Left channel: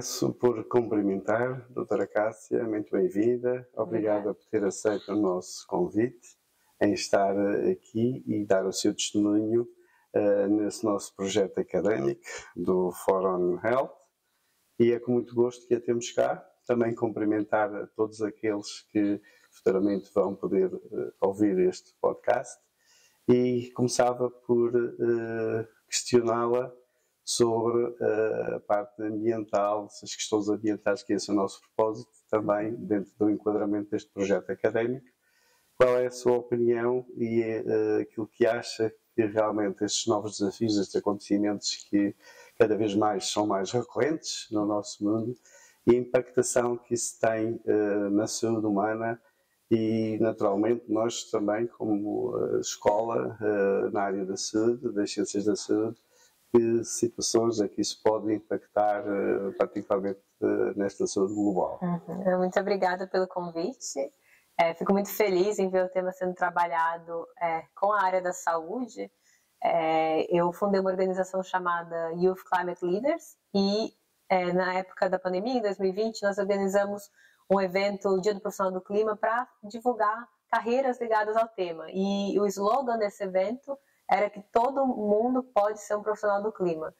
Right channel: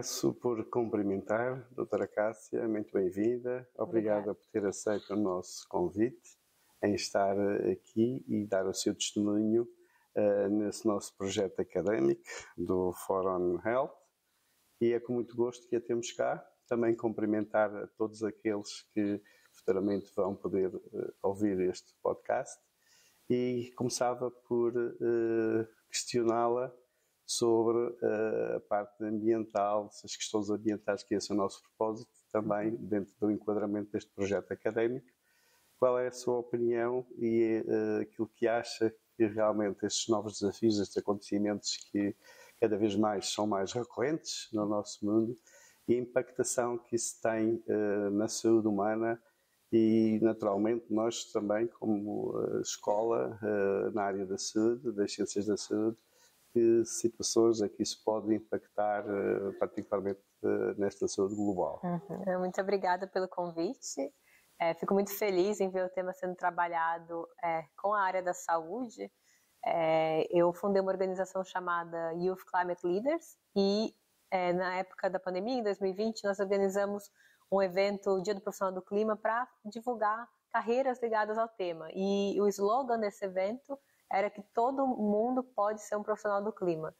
Começo por cumprimentar a doutora Cássia, muito bem-vinda. Obrigada por ter aceito o nosso convite em estar aqui e dar o seu testemunho nesse nosso projeto académico do Fórum Health. E é com muito gosto que a temos cá. Também cumprimentar a todos aqueles que futuramente vão poder ouvir este podcast. E começava por questioná-la sobre a parte ambiental, as questões ambientais, que esse é o nosso propósito, também dentro do enquadramento deste projeto académico. Qual é a sua opinião e aquilo que acha que realmente estes novos desafios, estes acontecimentos que cada vez mais são mais recorrentes no nosso mundo e a impactação que isso tem na saúde humana e, naturalmente, nós também, como escola na área da saúde, das ciências da saúde, que situações é que isso pode impactar, particularmente nesta saúde global. Muito obrigada pelo convite. Fico muito feliz em ver o tema sendo trabalhado com a área da saúde. Eu fundei uma organização chamada Youth Climate Leaders e na época da pandemia, em 2020, nós organizamos um evento, o Dia do Profissional do Clima, para divulgar carreiras ligadas ao tema. E o slogan desse evento era que todo mundo pode ser um profissional do clima.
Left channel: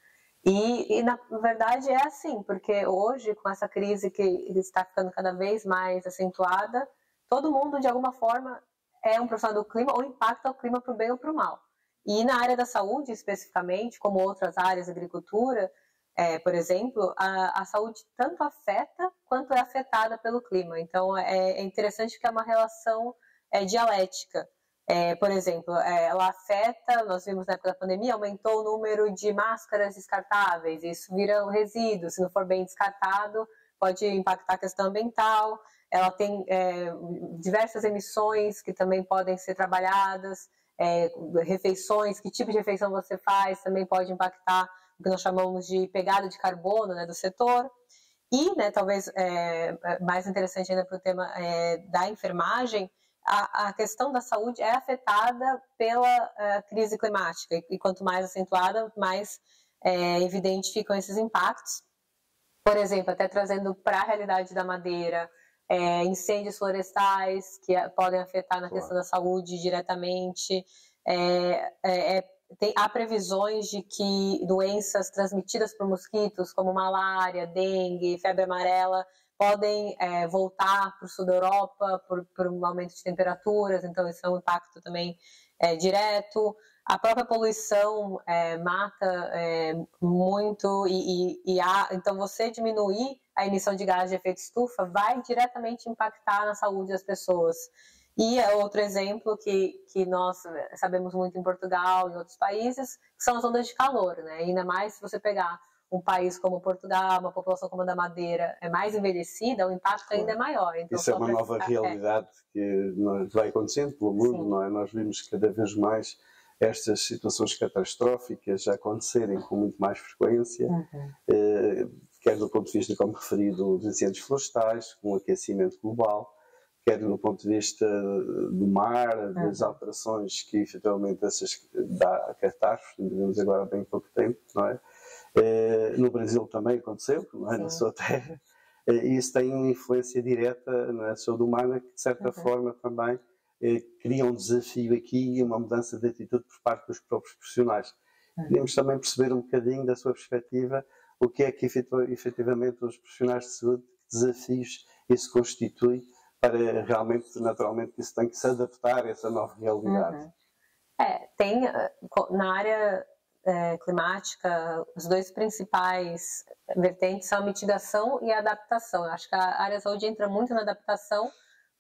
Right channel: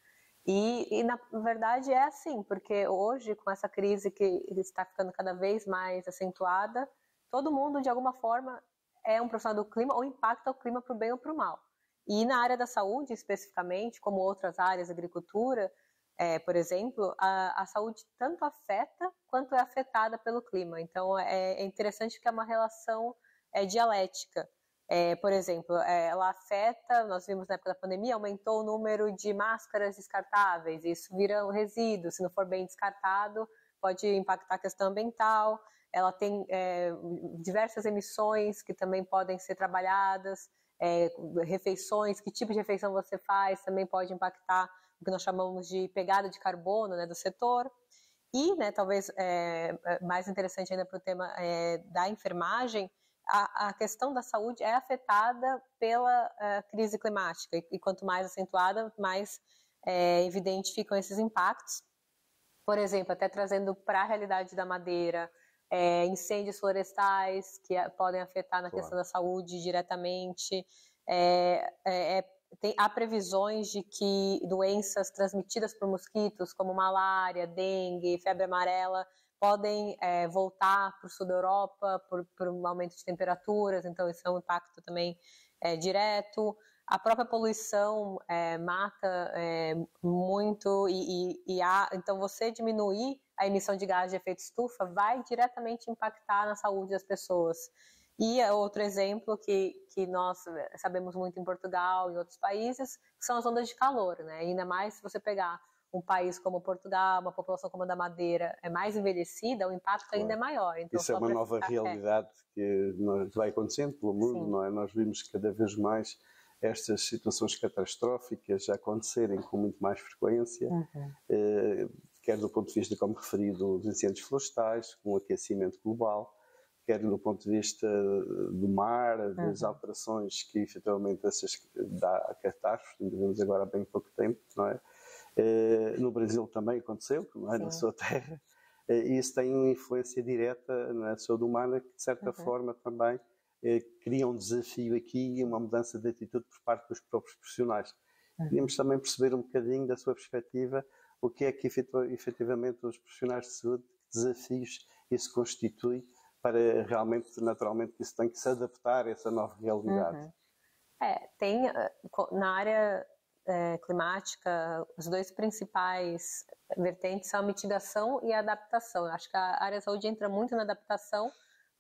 E na verdade é assim, porque hoje, com essa crise que está ficando cada vez mais acentuada, todo mundo, de alguma forma, é um profissional do clima ou impacta o clima para o bem ou para o mal. E na área da saúde, especificamente, como outras áreas, agricultura, por exemplo, a saúde tanto afeta quanto é afetada pelo clima. Então, é interessante que é uma relação dialética. Por exemplo, ela afeta, nós vimos na época da pandemia, aumentou o número de máscaras descartáveis, isso vira um resíduo, se não for bem descartado, pode impactar a questão ambiental. Ela tem diversas emissões que também podem ser trabalhadas, refeições, que tipo de refeição você faz, também pode impactar o que nós chamamos de pegada de carbono, né, do setor. E, né, talvez mais interessante ainda para o tema da enfermagem, a questão da saúde é afetada pela crise climática e quanto mais acentuada, mais evidente ficam esses impactos. Por exemplo, até trazendo para a realidade da madeira, incêndios florestais que podem afetar na questão da saúde diretamente. Há previsões de que doenças transmitidas por mosquitos, como malária, dengue, febre amarela, podem voltar para o sul da Europa por um aumento de temperaturas, então isso é um impacto também direto. A própria poluição mata muito então você diminuir a emissão de gás de efeito estufa vai diretamente impactar na saúde das pessoas. E outro exemplo que nós sabemos muito em Portugal e em outros países, são as ondas de calor, né? Ainda mais se você pegar um país como Portugal, uma população como a da Madeira é mais envelhecida, o impacto ainda é maior. Então, isso é uma nova realidade que vai acontecendo pelo mundo, não é? Nós vimos cada vez mais estas situações catastróficas a acontecerem com muito mais frequência, quer do ponto de vista, como referido, dos incêndios florestais, com o aquecimento global, quer no ponto de vista do mar, das alterações que efetivamente essas dá a catástrofe, vivemos agora há bem pouco tempo, não é? No Brasil também aconteceu, não é? Na sua terra, e isso tem uma influência direta na saúde humana que de certa forma também cria um desafio aqui e uma mudança de atitude por parte dos próprios profissionais. Queríamos também perceber um bocadinho da sua perspectiva o que é que efetivamente os profissionais de saúde, que desafios isso constitui para realmente, naturalmente, isso tem que se adaptar a essa nova realidade. Tem na área climática, os dois principais vertentes são a mitigação e a adaptação. Eu acho que a área da saúde entra muito na adaptação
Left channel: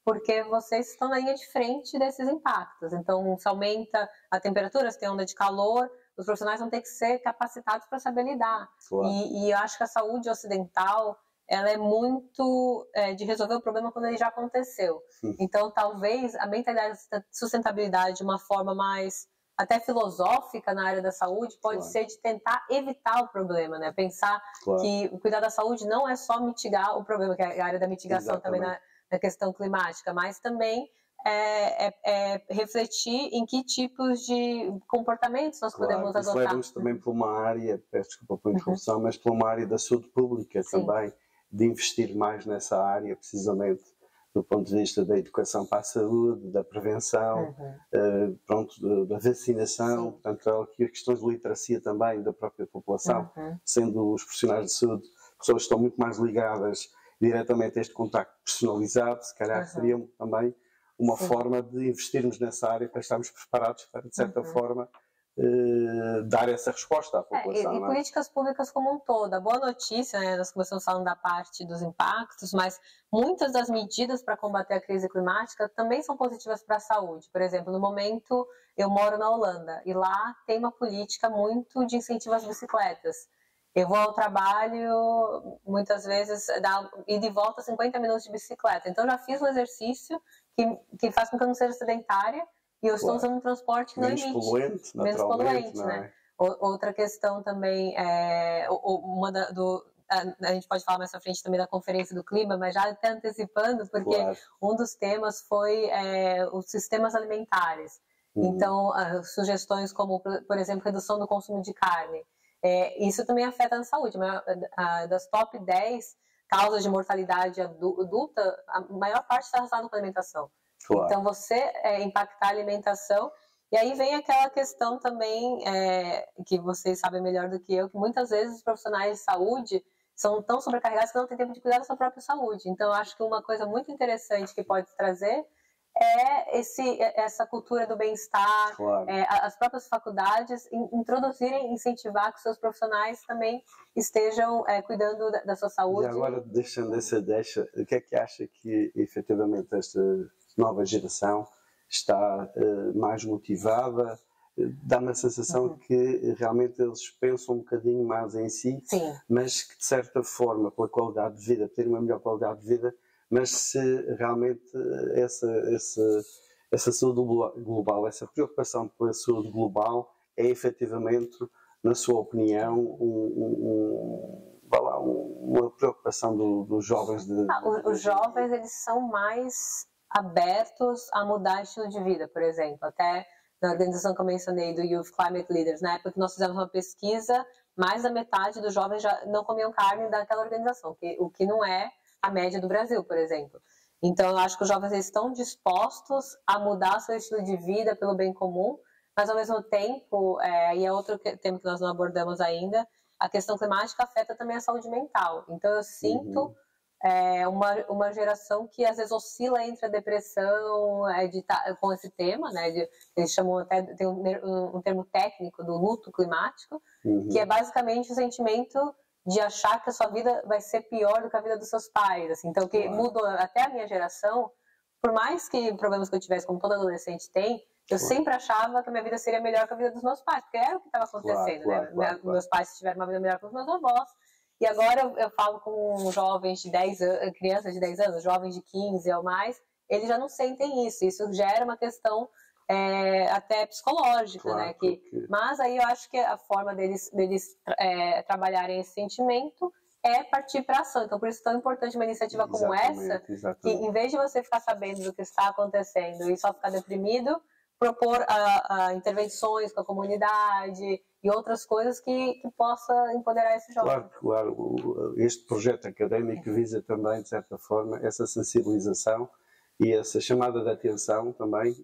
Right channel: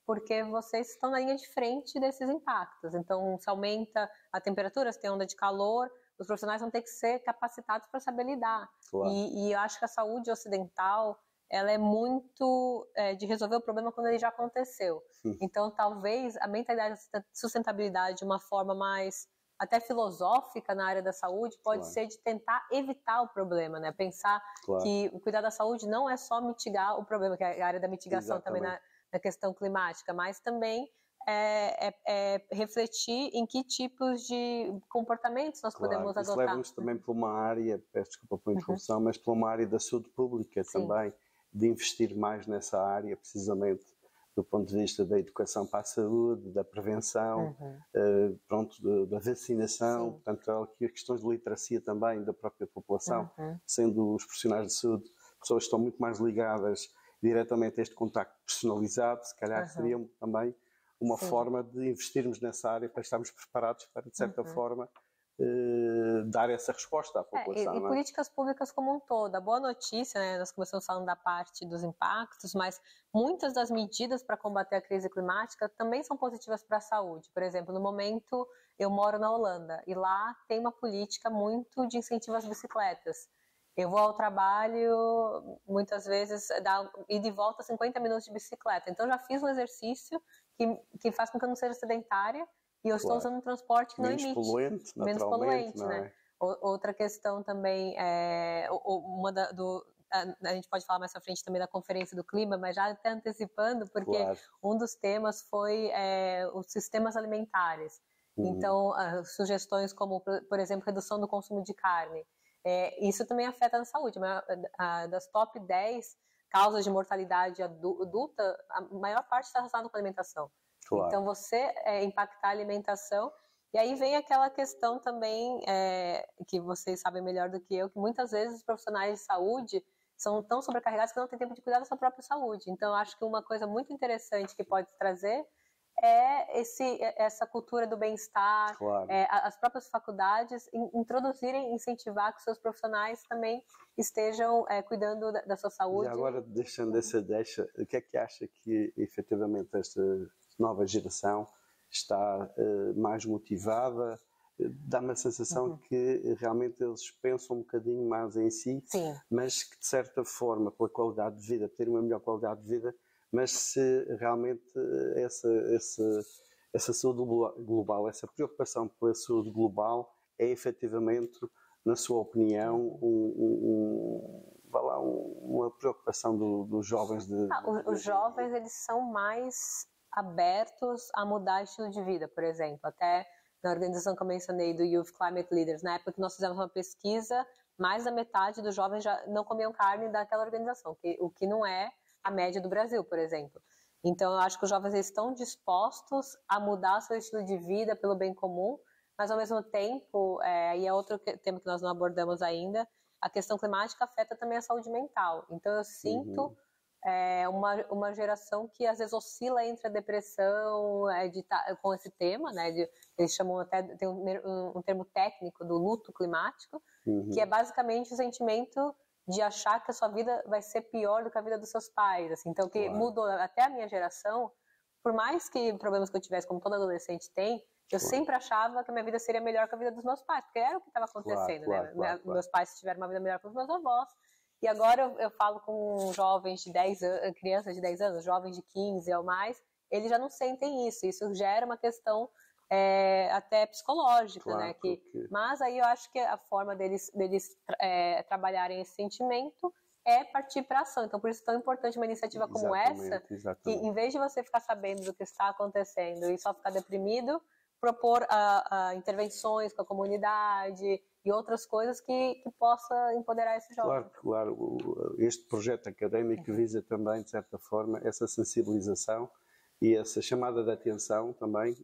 porque vocês estão na linha de frente desses impactos. Então, se aumenta a temperatura, se tem onda de calor, os profissionais vão ter que ser capacitados para saber lidar. Claro. E eu acho que a saúde ocidental, ela é muito de resolver o problema quando ele já aconteceu. Então, talvez a mentalidade de sustentabilidade de uma forma mais até filosófica na área da saúde pode ser de tentar evitar o problema, né? Pensar que o cuidar da saúde não é só mitigar o problema, que é a área da mitigação também na questão climática, mas também refletir em que tipos de comportamentos nós podemos Isso adotar. leva-nos também para uma área, peço desculpa pela interrupção, mas para uma área da saúde pública também, de investir mais nessa área, precisamente do ponto de vista da educação para a saúde, da prevenção, da vacinação, portanto, aqui as questões de literacia também da própria população, sendo os profissionais de saúde pessoas que estão muito mais ligadas diretamente a este contacto personalizado, se calhar seria também uma forma de investirmos nessa área para estarmos preparados para, de certa forma, dar essa resposta à população. E políticas públicas como um todo. A boa notícia, né, nós começamos falando da parte dos impactos, mas muitas das medidas para combater a crise climática também são positivas para a saúde. Por exemplo, no momento eu moro na Holanda e lá tem uma política muito de incentivo às bicicletas. Eu vou ao trabalho, muitas vezes, e de volta 50 minutos de bicicleta. Então, já fiz um exercício que faz com que eu não seja sedentária e eu estou usando um transporte que não emite. Menos poluente, né? Outra questão também, a gente pode falar mais pra frente também da Conferência do Clima, mas já até antecipando, porque um dos temas foi os sistemas alimentares. Então, sugestões como, por exemplo, redução do consumo de carne. Isso também afeta a saúde. Das top 10 causas de mortalidade adulta, a maior parte está relacionada com a alimentação. Então, você impactar a alimentação. E aí vem aquela questão também, que vocês sabem melhor do que eu, que muitas vezes os profissionais de saúde são tão sobrecarregados que não têm tempo de cuidar da sua própria saúde. Então, eu acho que uma coisa muito interessante que pode trazer essa cultura do bem-estar, as próprias faculdades introduzirem, incentivar que os seus profissionais também estejam cuidando da sua saúde. E agora, deixando essa deixa, o que é que acha que efetivamente esta nova geração está mais motivada? Dá-me a sensação que realmente eles pensam um bocadinho mais em si, mas que de certa forma, pela qualidade de vida, ter uma melhor qualidade de vida, mas se realmente essa saúde global, essa preocupação pela saúde global é efetivamente, na sua opinião, uma preocupação dos jovens? Os jovens, eles são mais abertos a mudar estilo de vida, por exemplo. Até na organização que eu mencionei, do Youth Climate Leaders, na época que nós fizemos uma pesquisa, mais da metade dos jovens já não comiam carne daquela organização, o que não é a média do Brasil, por exemplo. Então, eu acho que os jovens estão dispostos a mudar seu estilo de vida pelo bem comum, mas, ao mesmo tempo, e é outro tema que nós não abordamos ainda, a questão climática afeta também a saúde mental. Então, eu sinto uma geração que, às vezes, oscila entre a depressão com esse tema, né? Eles chamam até, tem um termo técnico do luto climático, que é basicamente o sentimento de achar que a sua vida vai ser pior do que a vida dos seus pais, assim. Então, que mudou até a minha geração, por mais que problemas que eu tivesse, como todo adolescente tem, eu sempre achava que a minha vida seria melhor que a vida dos meus pais, porque era o que estava acontecendo, né? Meus pais tiveram uma vida melhor que os meus avós, e agora eu falo com jovens de 10 anos, crianças de 10 anos, jovens de 15 ou mais, eles já não sentem isso gera uma questão até psicológica, né? Mas aí eu acho que a forma deles trabalharem esse sentimento é partir para ação. Então, por isso é tão importante uma iniciativa como essa, que em vez de você ficar sabendo do que está acontecendo e só ficar deprimido, propor intervenções com a comunidade e outras coisas que possa empoderar esse jovem. Claro. Este projeto académico visa também, de certa forma, essa sensibilização e essa chamada de atenção também,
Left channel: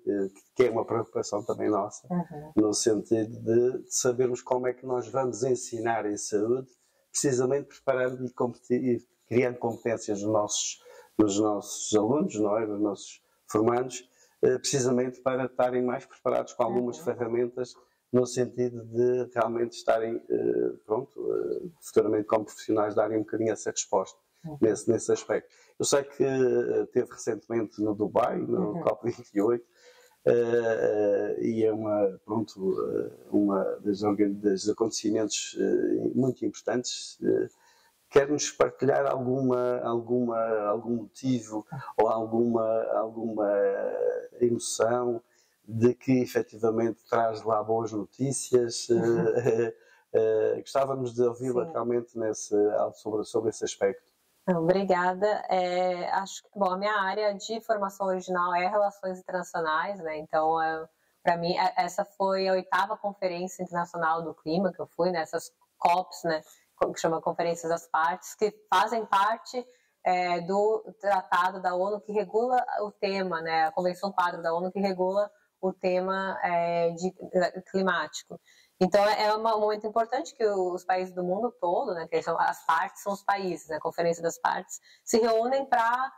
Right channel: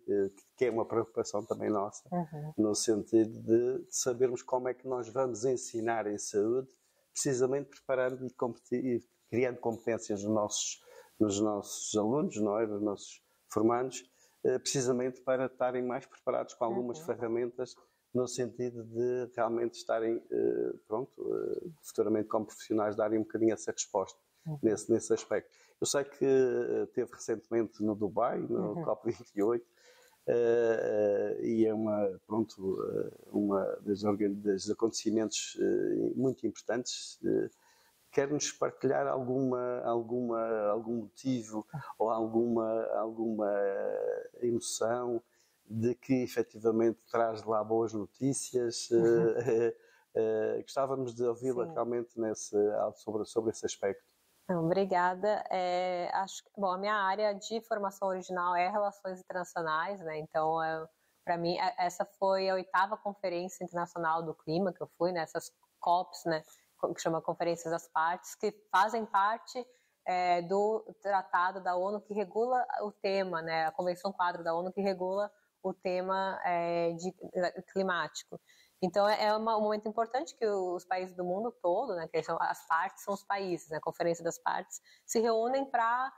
que é uma preocupação também nossa, no sentido de sabermos como é que nós vamos ensinar em saúde, precisamente preparando e criando competências nos nossos alunos, não é? Nos nossos formandos, precisamente para estarem mais preparados com algumas ferramentas, no sentido de realmente estarem, futuramente como profissionais, darem um bocadinho essa resposta nesse aspecto. Eu sei que esteve recentemente no Dubai, no COP28, e é uma dos acontecimentos muito importantes. Quer-nos partilhar algum motivo ou alguma emoção de que efetivamente traz lá boas notícias? Gostávamos de ouvi-la realmente sobre esse aspecto. Obrigada. Acho que, bom, a minha área de formação original é Relações Internacionais, né? Então, para mim, essa foi a 8ª Conferência Internacional do Clima que eu fui, nessas COPs, né? Que chama Conferências das Partes, que fazem parte do tratado da ONU que regula o tema, né? A Convenção Quadro da ONU que regula o tema climático. Então, um momento importante que os países do mundo todo, né, que são as partes, são os países, né, a Conferência das Partes, se reúnem para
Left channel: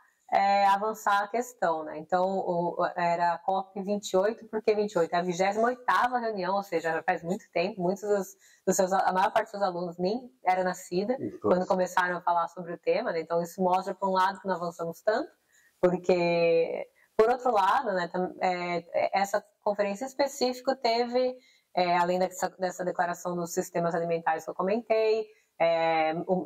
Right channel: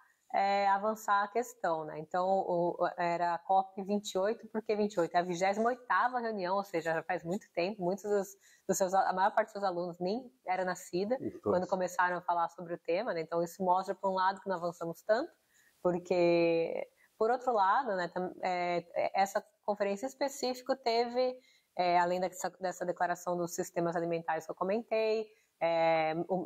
avançar a questão. Né? Então, era a COP28, por que 28? É a 28ª reunião, ou seja, já faz muito tempo, a maior parte dos seus alunos nem era nascida quando começaram a falar sobre o tema. Né? Então, isso mostra, por um lado, que não avançamos tanto, porque, por outro lado, né, essa conferência em específico teve... além dessa declaração dos sistemas alimentares que eu comentei,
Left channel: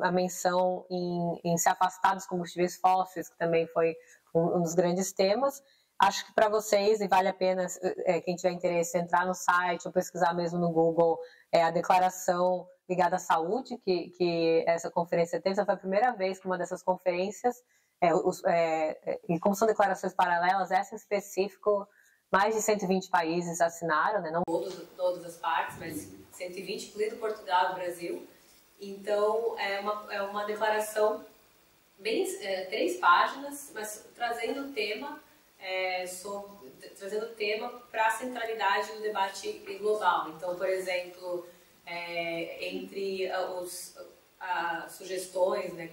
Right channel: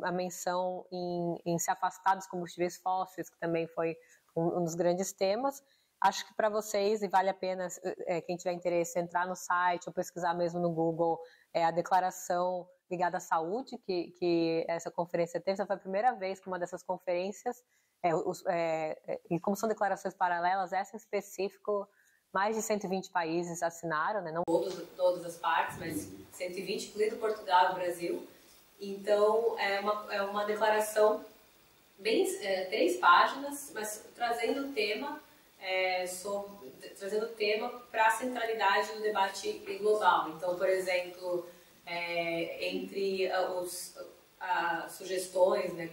a menção em se afastar dos combustíveis fósseis, que também foi um dos grandes temas. Acho que para vocês, e vale a pena, quem tiver interesse, entrar no site ou pesquisar mesmo no Google, a declaração ligada à saúde que essa conferência teve. Essa foi a primeira vez que uma dessas conferências, e como são declarações paralelas, essa em específico, mais de 120 países assinaram, né? Não todas as partes, mas 120, incluindo Portugal e Brasil. Então, é uma declaração, 3 páginas, mas trazendo o tema para a centralidade do debate global. Então, por exemplo, entre as sugestões, né,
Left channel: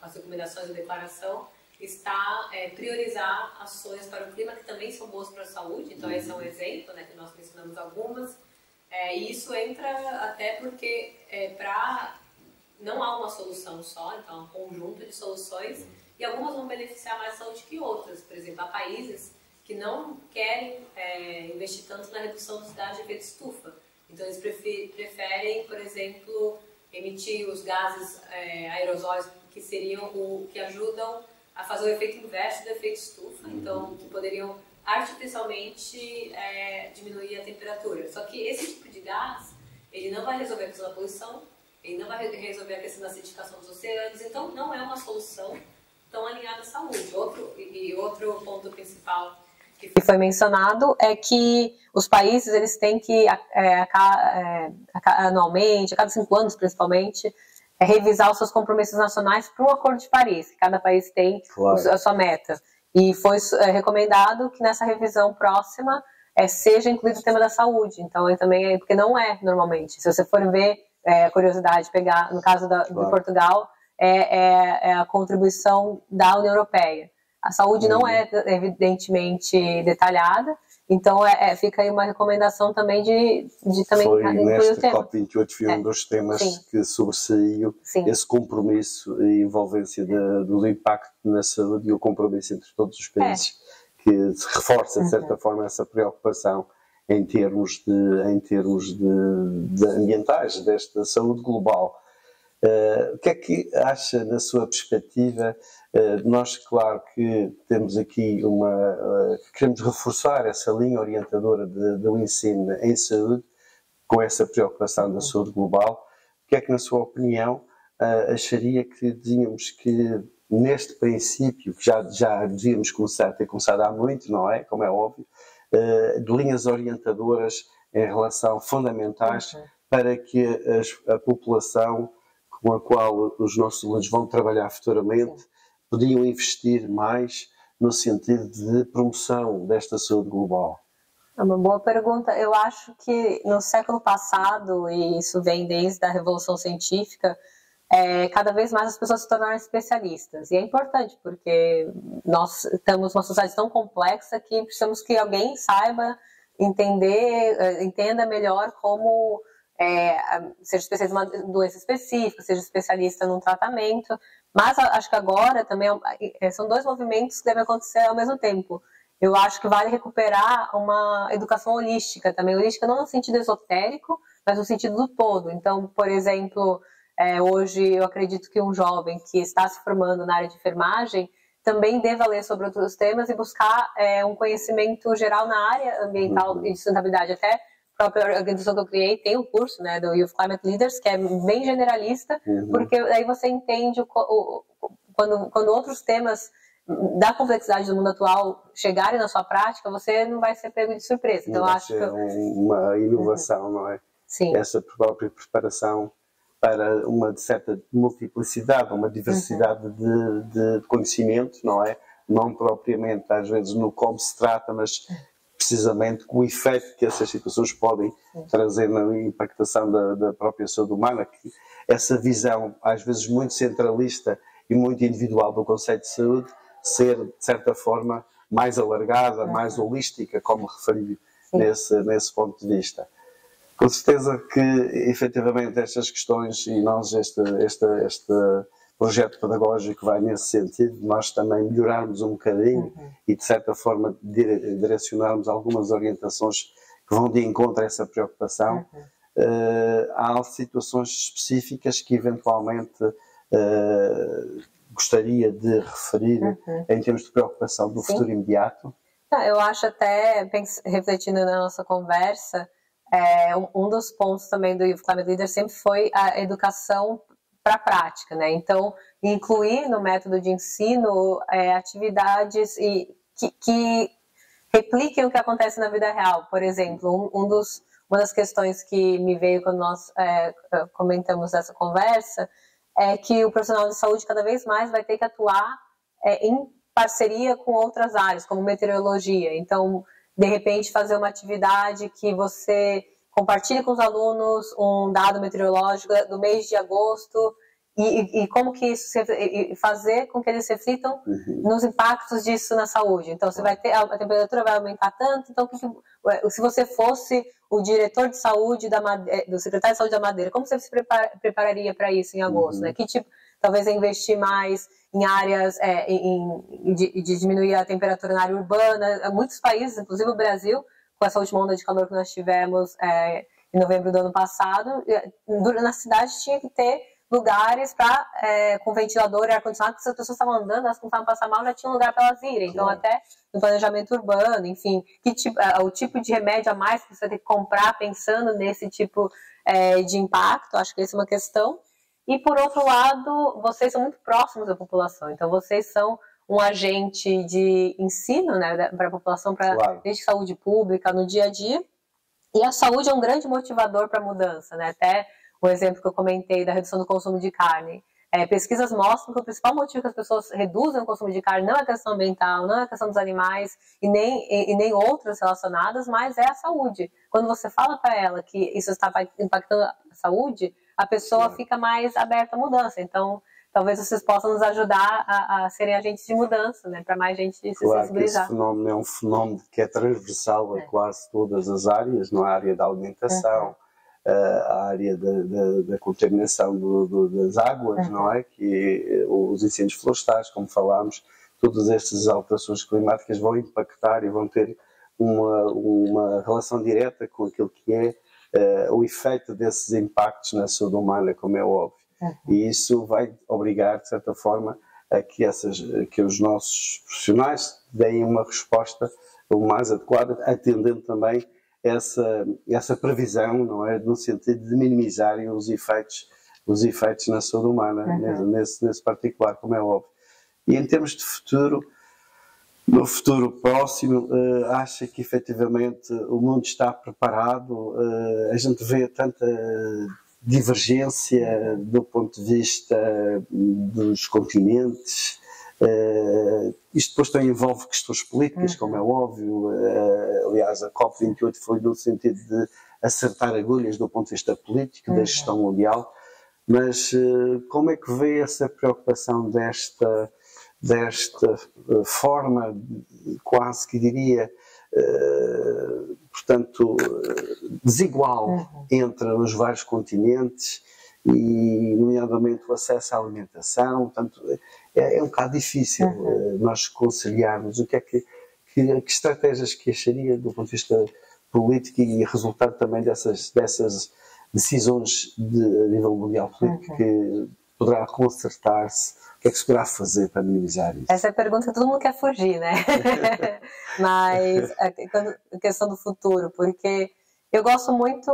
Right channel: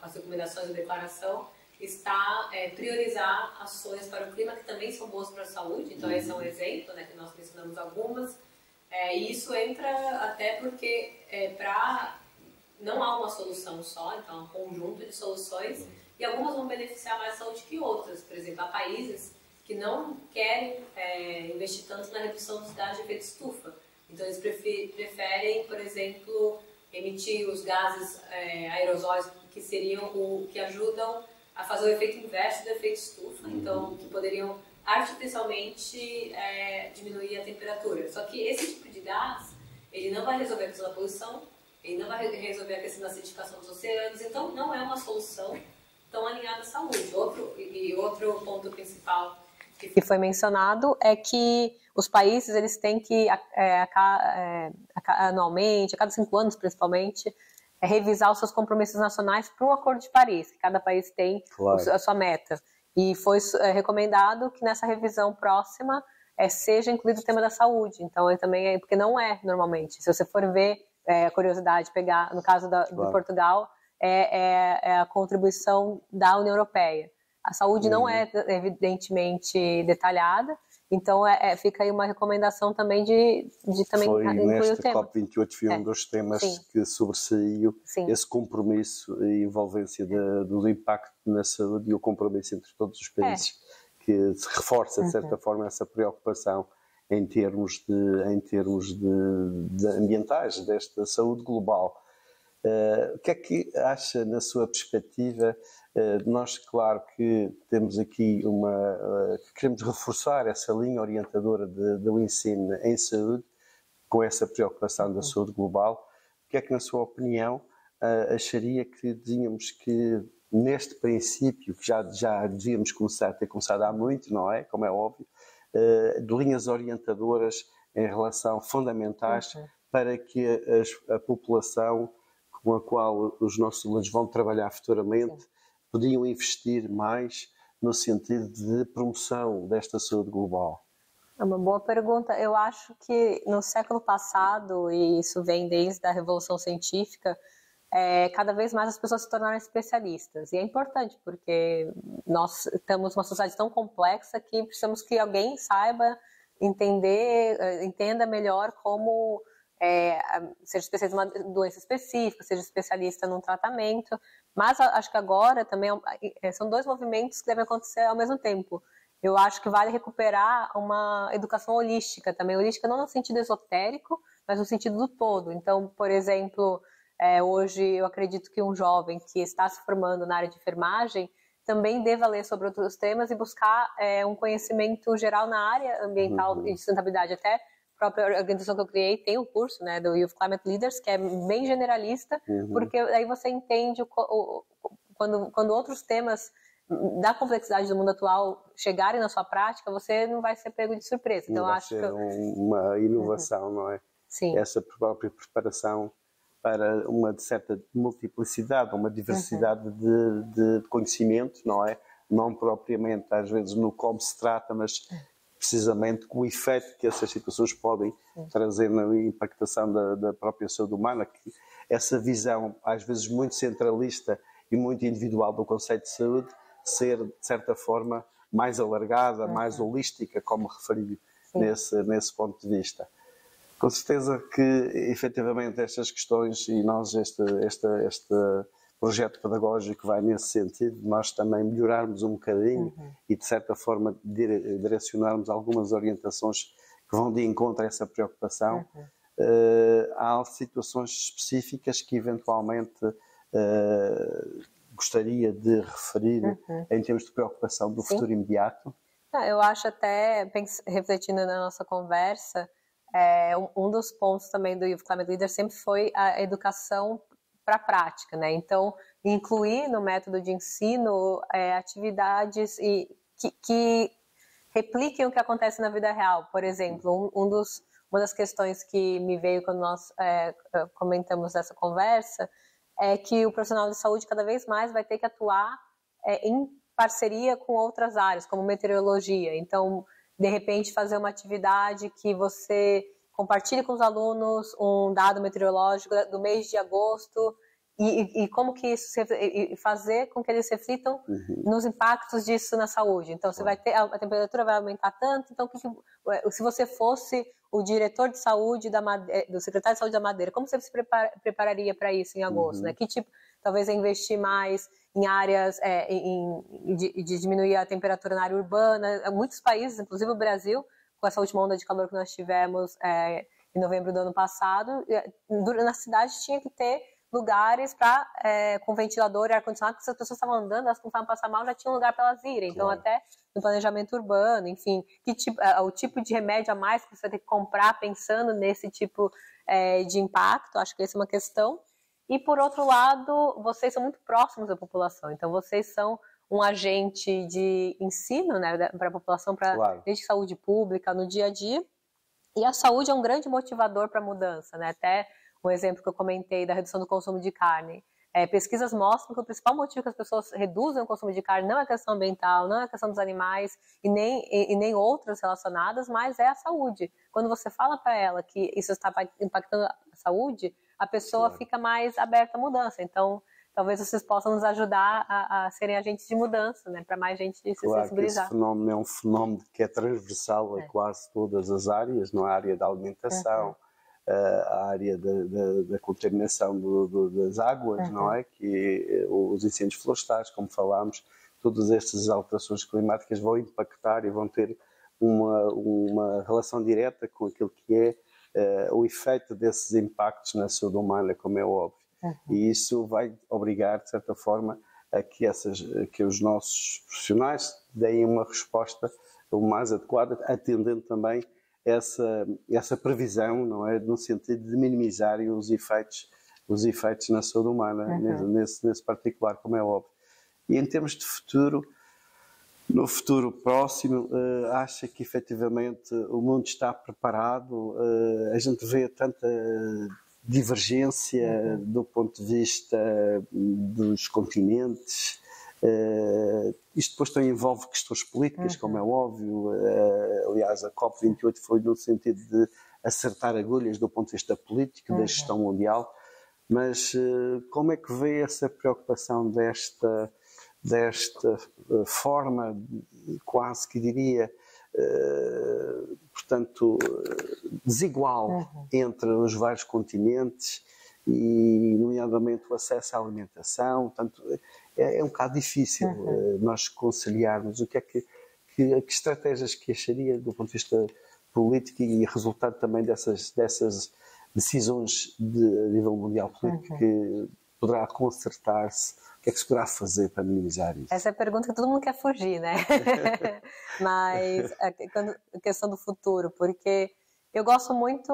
as recomendações da declaração, está priorizar ações para o clima que também são boas para a saúde. Então, esse é um exemplo, né, que nós mencionamos algumas. E isso entra até porque não há uma solução só, então há um conjunto de soluções e algumas vão beneficiar mais a saúde que outras. Por exemplo, há países que não querem investir tanto na redução dos gases de efeito estufa. Então, eles preferem, por exemplo, emitir os gases aerosóis que ajudam a fazer o efeito inverso do efeito estufa, então que poderiam artificialmente diminuir a temperatura. Só que esse tipo de gás, ele não vai resolver a questão da poluição, ele não vai resolver a questão da acidificação dos oceanos, então não é uma solução tão alinhada à saúde. Outro ponto principal que foi mencionado é que os países eles têm que anualmente, a cada 5 anos principalmente, revisar os seus compromissos nacionais para o Acordo de Paris, que cada país tem a sua meta. E foi recomendado que nessa revisão próxima seja incluído o tema da saúde. Então, também porque não é normalmente. Se você for ver, curiosidade, pegar, no caso de Portugal, a contribuição da União Europeia. A saúde não é evidentemente detalhada, então fica aí uma recomendação também de também incluir o tema. COP28 foi um dos temas que sobressaiu esse compromisso e envolvência do impacto na saúde e o compromisso entre todos os países, que se reforça de certa forma essa preocupação em termos de ambientais, desta saúde global. O que é que acha, na sua perspectiva? Nós, claro que temos aqui que queremos reforçar essa linha orientadora do ensino em saúde, com essa preocupação da saúde global. O que é que, na sua opinião, acharia que tínhamos que, neste princípio, que já devíamos ter começado há muito, não é? Como é óbvio, de linhas orientadoras em relação fundamentais para que a população com a qual os nossos alunos vão trabalhar futuramente podiam investir mais no sentido de promoção desta saúde global? É uma boa pergunta. Eu acho que no século passado, e isso vem desde a Revolução Científica, cada vez mais as pessoas se tornaram especialistas. E é importante, porque nós temos uma sociedade tão complexa que precisamos que alguém saiba entenda melhor como seja especialista em uma doença específica, seja especialista num tratamento. Mas acho que agora também são 2 movimentos que devem acontecer ao mesmo tempo. Eu acho que vale recuperar uma educação holística também. Holística não no sentido esotérico, mas no sentido do todo. Então, por exemplo, hoje eu acredito que um jovem que está se formando na área de enfermagem também deva ler sobre outros temas e buscar um conhecimento geral na área ambiental e de sustentabilidade. Até a própria organização que eu criei tem um curso, né, do Youth Climate Leaders, que é bem generalista, porque aí você entende quando quando outros temas da complexidade do mundo atual chegarem na sua prática, você não vai ser pego de surpresa. Então, vai acho ser uma inovação, não é? Sim. Essa própria preparação para uma certa multiplicidade, uma diversidade de conhecimento, não é? Não propriamente, às vezes, no como se trata, mas precisamente com o efeito que essas situações podem trazer na impactação da própria saúde humana, que essa visão, às vezes, muito centralista e muito individual do conceito de saúde, ser, de certa forma, mais alargada, mais holística, como referi nesse ponto de vista. Com certeza que, efetivamente, estas questões, e nós, este projeto pedagógico vai nesse sentido, nós também melhorarmos um bocadinho e, de certa forma, direcionarmos algumas orientações que vão de encontro a essa preocupação. Há situações específicas que, eventualmente, gostaria de referir em termos de preocupação do futuro imediato. Eu acho até, refletindo na nossa conversa, um dos pontos também do Youth Climate Leader sempre foi a educação para a prática, né? Então, incluir no método de ensino atividades que repliquem o que acontece na vida real. Por exemplo, uma das questões que me veio quando nós comentamos essa conversa é que o profissional de saúde cada vez mais vai ter que atuar em parceria com outras áreas, como meteorologia. Então, de repente, fazer uma atividade que você compartilhe com os alunos um dado meteorológico do mês de agosto e como que isso fazer com que eles reflitam nos impactos disso na saúde. Então, você vai ter, a temperatura vai aumentar tanto, então se você fosse o diretor de saúde do secretário de saúde da Madeira, como você se prepararia para isso em agosto, né? Que tipo, talvez investir mais em áreas de diminuir a temperatura na área urbana. Muitos países, inclusive o Brasil, com essa última onda de calor que nós tivemos em novembro do ano passado, na cidade tinha que ter lugares com ventilador e ar-condicionado, porque se as pessoas estavam andando, elas começavam a passar mal, já tinha um lugar para elas irem. Então, até no planejamento urbano, enfim, o tipo de remédio a mais que você tem que comprar pensando nesse tipo de impacto, acho que essa é uma questão. E, por outro lado, vocês são muito próximos da população, então vocês são um agente de ensino, né, para a população, desde saúde pública, no dia a dia, e a saúde é um grande motivador para a mudança, né? Até o exemplo que eu comentei da redução do consumo de carne. Pesquisas mostram que o principal motivo que as pessoas reduzem o consumo de carne não é a questão ambiental, não é a questão dos animais e nem outras relacionadas, mas é a saúde. Quando você fala para ela que isso está impactando a saúde, a pessoa fica mais aberta à mudança. Então, talvez vocês possam nos ajudar a serem agentes de mudança, né? Para mais gente se sensibilizar. Esse fenómeno é um fenómeno que é transversal a quase todas as áreas, na área da alimentação, a área da contaminação das águas, não é? Que os incêndios florestais, como falámos, todas estas alterações climáticas vão impactar e vão ter uma relação direta com aquilo que é o efeito desses impactos na saúde humana, como é óbvio. E isso vai obrigar, de certa forma, a que os nossos profissionais deem uma resposta o mais adequada, atendendo também essa previsão, não é? No sentido de minimizarem os efeitos na saúde humana, nesse particular, como é óbvio. E em termos de futuro, no futuro próximo, acha que efetivamente o mundo está preparado? A gente vê tanta divergência do ponto de vista dos continentes. Isto depois também envolve questões políticas, como é óbvio. Aliás, a COP28 foi no sentido de acertar agulhas do ponto de vista político, da gestão mundial. Mas como é que vê essa preocupação desta forma, quase que diria, portanto, desigual entre os vários continentes e, nomeadamente, o acesso à alimentação? Portanto, é um bocado difícil nós conciliarmos o que estratégias que acharia do ponto de vista político e resultado também dessas decisões a nível mundial político que poderá consertar-se. O que é que se poderá fazer para minimizar isso? Essa é a pergunta que todo mundo quer fugir, né? Mas a questão do futuro, porque eu gosto muito,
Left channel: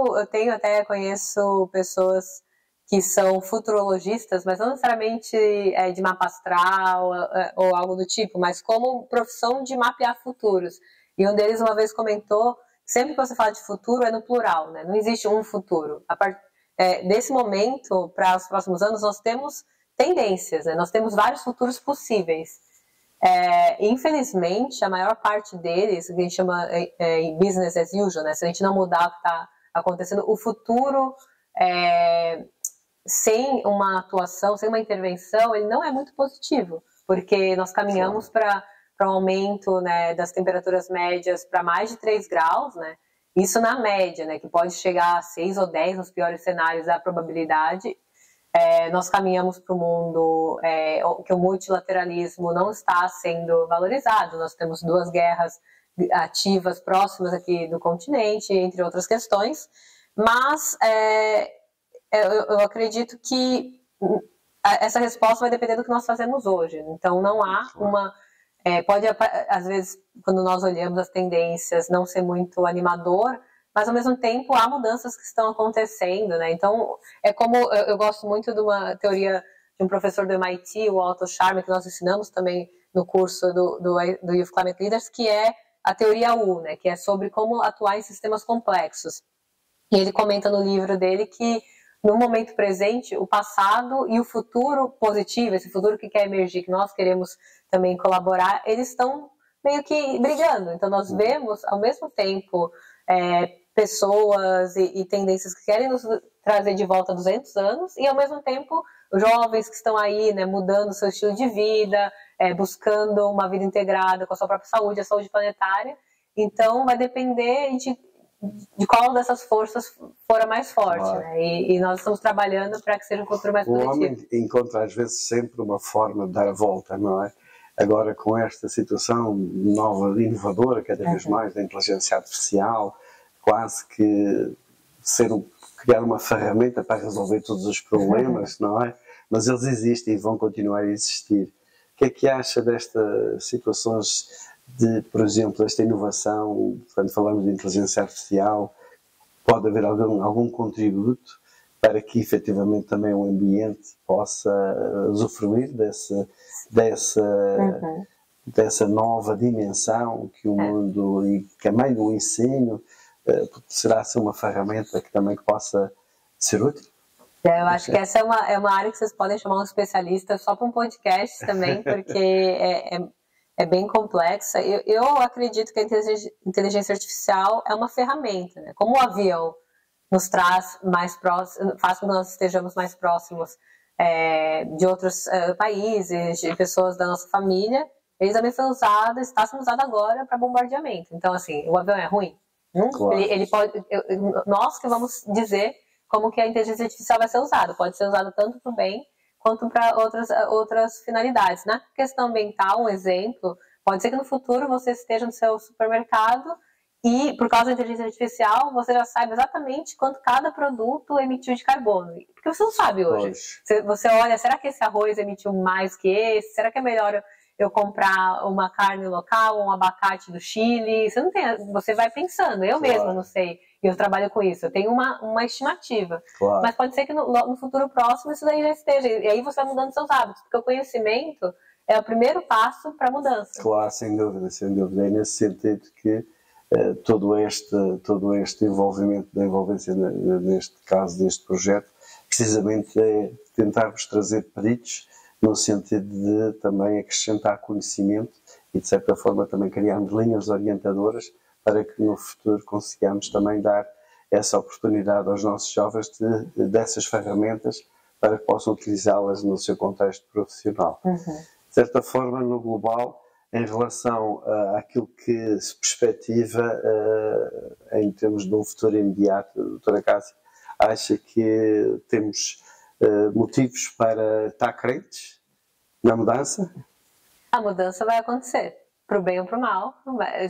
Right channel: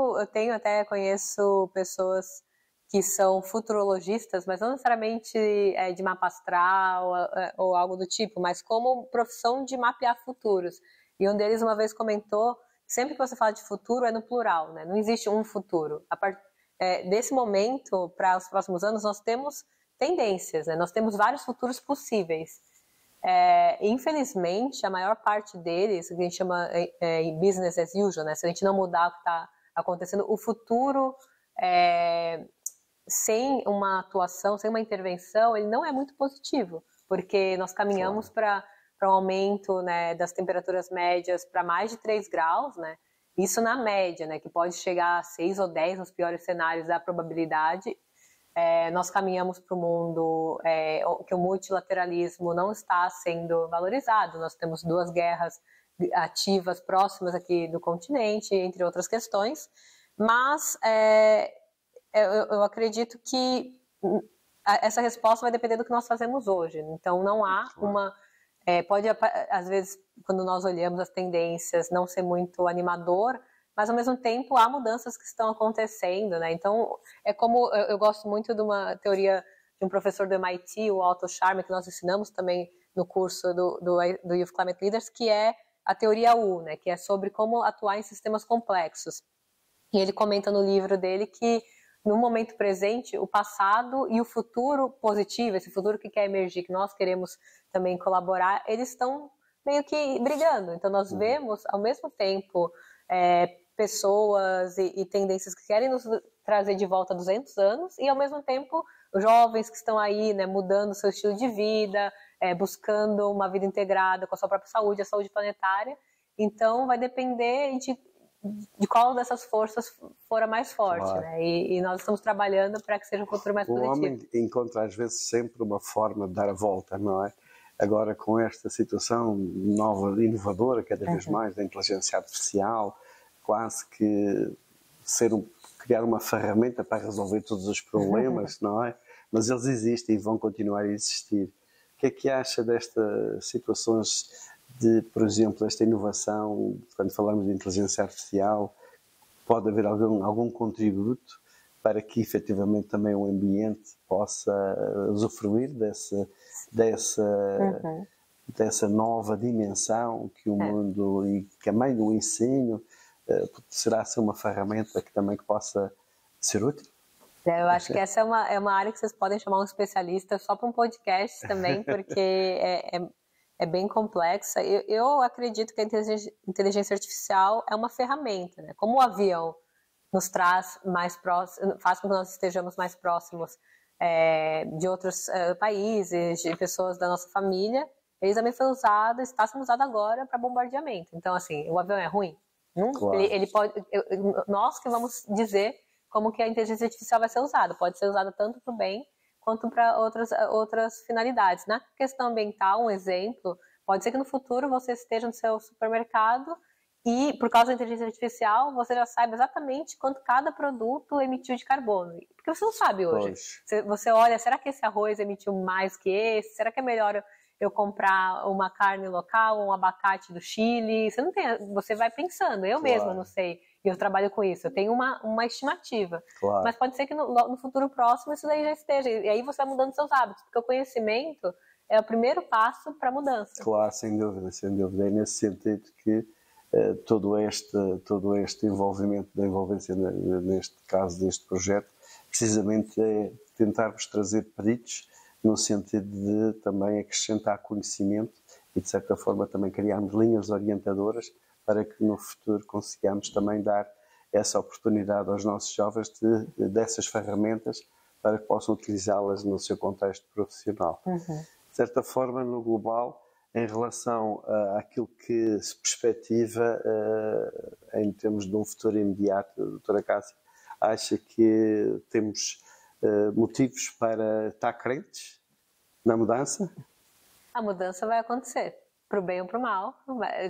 conheço pessoas que são futurologistas, mas não necessariamente de mapa astral ou algo do tipo, mas como profissão de mapear futuros. E um deles uma vez comentou, sempre que você fala de futuro é no plural, né? Não existe um futuro. Desse momento, para os próximos anos, nós temos tendências, né? Nós temos vários futuros possíveis. Infelizmente, a maior parte deles, que a gente chama business as usual, né? Se a gente não mudar o que está acontecendo, o futuro sem uma atuação, sem uma intervenção, ele não é muito positivo, porque nós caminhamos para um aumento, né, das temperaturas médias para mais de 3 graus, né? Isso na média, né, que pode chegar a 6 ou 10 nos piores cenários, a probabilidade. Nós caminhamos para um mundo que o multilateralismo não está sendo valorizado. Nós temos 2 guerras ativas próximas aqui do continente, entre outras questões, mas eu acredito que essa resposta vai depender do que nós fazemos hoje. Então, não há uma... pode, às vezes, quando nós olhamos as tendências, não ser muito animador, mas, ao mesmo tempo, há mudanças que estão acontecendo, né? Então, é como... Eu gosto muito de uma teoria de um professor do MIT, o Otto Scharmer, que nós ensinamos também no curso do Youth Climate Leaders, que é a teoria U, né? Que é sobre como atuar em sistemas complexos. E ele comenta no livro dele que, no momento presente, o passado e o futuro positivo, esse futuro que quer emergir, que nós queremos também colaborar, eles estão meio que brigando. Então, nós vemos, ao mesmo tempo, pessoas e tendências que querem nos trazer de volta 200 anos e, ao mesmo tempo, jovens que estão aí, né, mudando seu estilo de vida, buscando uma vida integrada com a sua própria saúde, a saúde planetária. Então, vai depender de qual dessas forças for a mais forte, né? E nós estamos trabalhando para que seja um futuro mais positivo. O homem encontra às vezes sempre uma forma de dar a volta, não é? Agora, com esta situação nova, inovadora, cada vez mais, da inteligência artificial, quase que criar uma ferramenta para resolver todos os problemas, não é? Mas eles existem e vão continuar a existir. O que é que acha destas situações de, por exemplo, esta inovação, quando falamos de inteligência artificial, pode haver algum contributo para que efetivamente também o ambiente possa usufruir dessa nova dimensão que o mundo, e que também o ensino, será assim uma ferramenta que também possa ser útil? Eu acho que essa é uma área que vocês podem chamar um especialista só para um podcast também, porque é bem complexa. Eu acredito que a inteligência artificial é uma ferramenta, né? Como o avião nos traz mais próximo, faz com que nós estejamos mais próximos de outros países, de pessoas da nossa família, ele também foi usado, está sendo usado agora para bombardeamento. Então, assim, o avião é ruim? Claro. Ele pode, nós que vamos dizer como que a inteligência artificial vai ser usada. Pode ser usada tanto para o bem quanto para outras finalidades. Na questão ambiental, um exemplo, pode ser que no futuro você esteja no seu supermercado e, por causa da inteligência artificial, você já saiba exatamente quanto cada produto emitiu de carbono. Porque você não sabe hoje. Você olha, será que esse arroz emitiu mais que esse? Será que é melhor eu comprar uma carne local, um abacate do Chile? Você vai pensando. Eu mesma não sei. E eu trabalho com isso. Eu tenho uma estimativa. Claro. Mas pode ser que no futuro próximo isso daí já esteja. E aí você vai mudando seus hábitos. Porque o conhecimento é o primeiro passo para a mudança. Claro, sem dúvida, sem dúvida. É nesse sentido que todo este envolvimento da envolvência, neste caso, deste projeto, precisamente é tentarmos trazer peritos no sentido de também acrescentar conhecimento e, de certa forma, também criarmos linhas orientadoras para que no futuro consigamos também dar essa oportunidade aos nossos jovens dessas ferramentas para que possam utilizá-las no seu contexto profissional. De certa forma, no global, em relação àquilo que se perspectiva em termos de um futuro imediato, doutora Cássia, acha que temos motivos para estar crentes na mudança? A mudança vai acontecer, para o bem ou para o mal,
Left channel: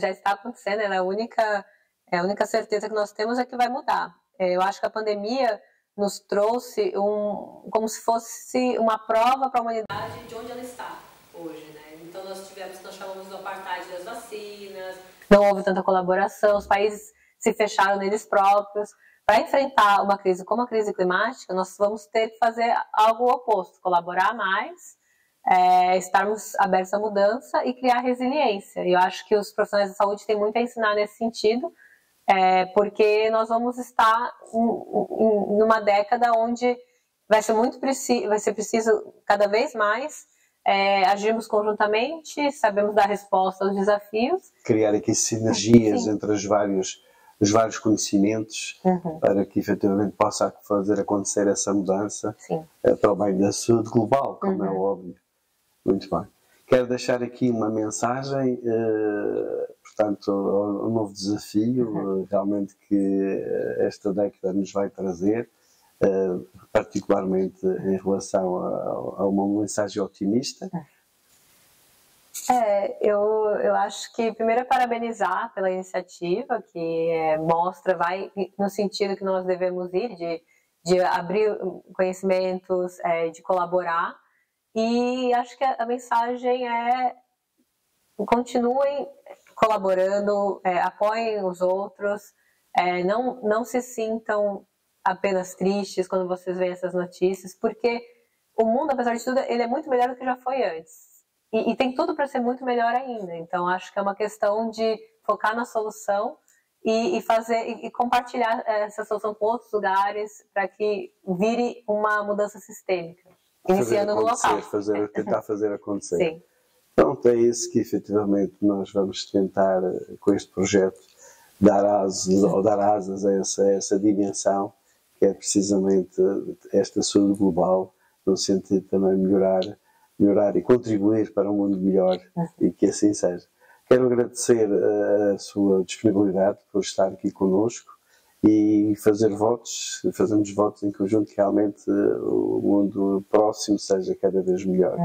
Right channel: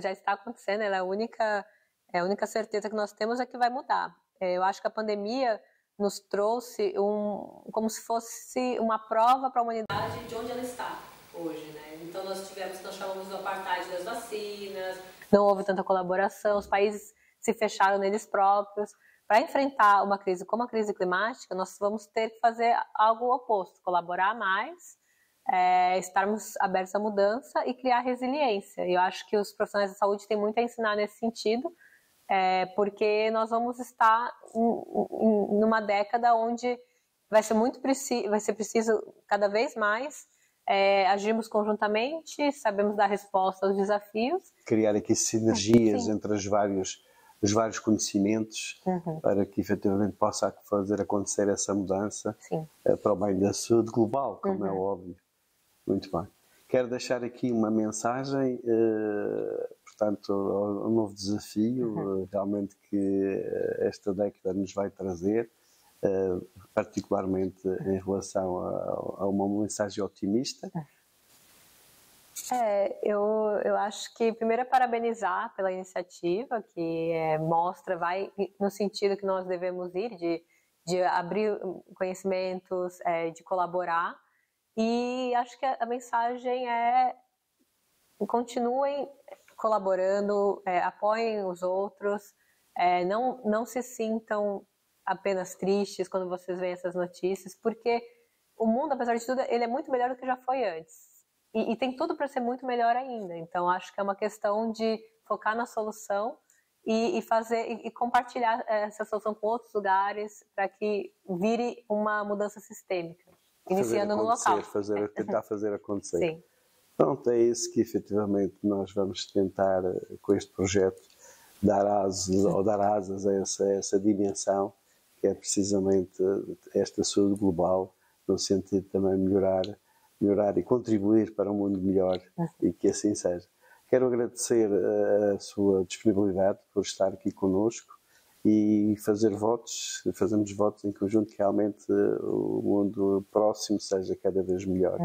já está acontecendo, é a única certeza que nós temos é que vai mudar. Eu acho que a pandemia nos trouxe como se fosse uma prova para a humanidade de onde ela está hoje, né? Então nós chamamos do apartheid das vacinas, não houve tanta colaboração, os países se fecharam neles próprios, para enfrentar uma crise como a crise climática, nós vamos ter que fazer algo oposto, colaborar mais, estarmos abertos à mudança e criar resiliência. E eu acho que os profissionais da saúde têm muito a ensinar nesse sentido, porque nós vamos estar numa década onde vai ser preciso cada vez mais agirmos conjuntamente, sabemos dar resposta aos desafios. Criar aqui sinergias entre os vários conhecimentos para que efetivamente possa fazer acontecer essa mudança para o bem da saúde global, como é óbvio. Muito bem. Quero deixar aqui uma mensagem, portanto, um novo desafio, realmente que esta década nos vai trazer, particularmente em relação a uma mensagem otimista. Eu acho que primeiro é parabenizar pela iniciativa, que vai no sentido que nós devemos ir, de abrir conhecimentos, de colaborar. E acho que a mensagem continuem colaborando, apoiem os outros, não se sintam apenas tristes quando vocês veem essas notícias, porque o mundo, apesar de tudo, ele é muito melhor do que já foi antes. E tem tudo para ser muito melhor ainda. Então, acho que é uma questão de focar na solução e compartilhar essa solução com outros lugares para que vire uma mudança sistêmica, iniciando no local. Tentar fazer acontecer. Sim. Então, é isso que efetivamente nós vamos tentar, com este projeto, dar asas a essa dimensão, que é precisamente esta saúde global, no sentido de também melhorar e contribuir para um mundo melhor, e que assim seja. Quero agradecer a sua disponibilidade por estar aqui connosco e fazermos votos em conjunto que realmente o mundo próximo seja cada vez melhor.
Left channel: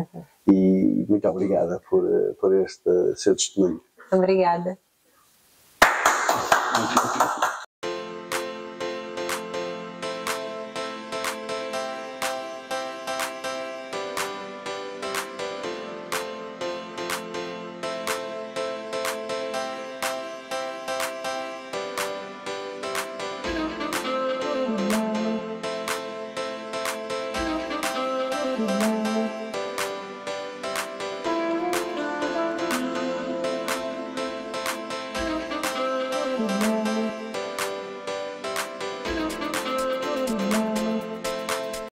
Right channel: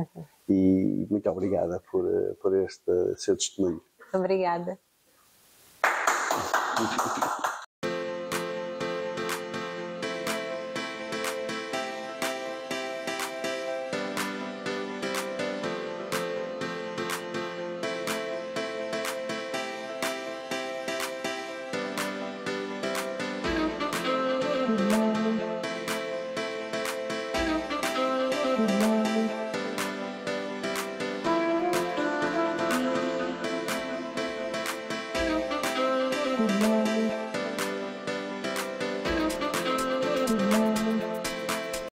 E muito obrigada por este seu testemunho. Obrigada.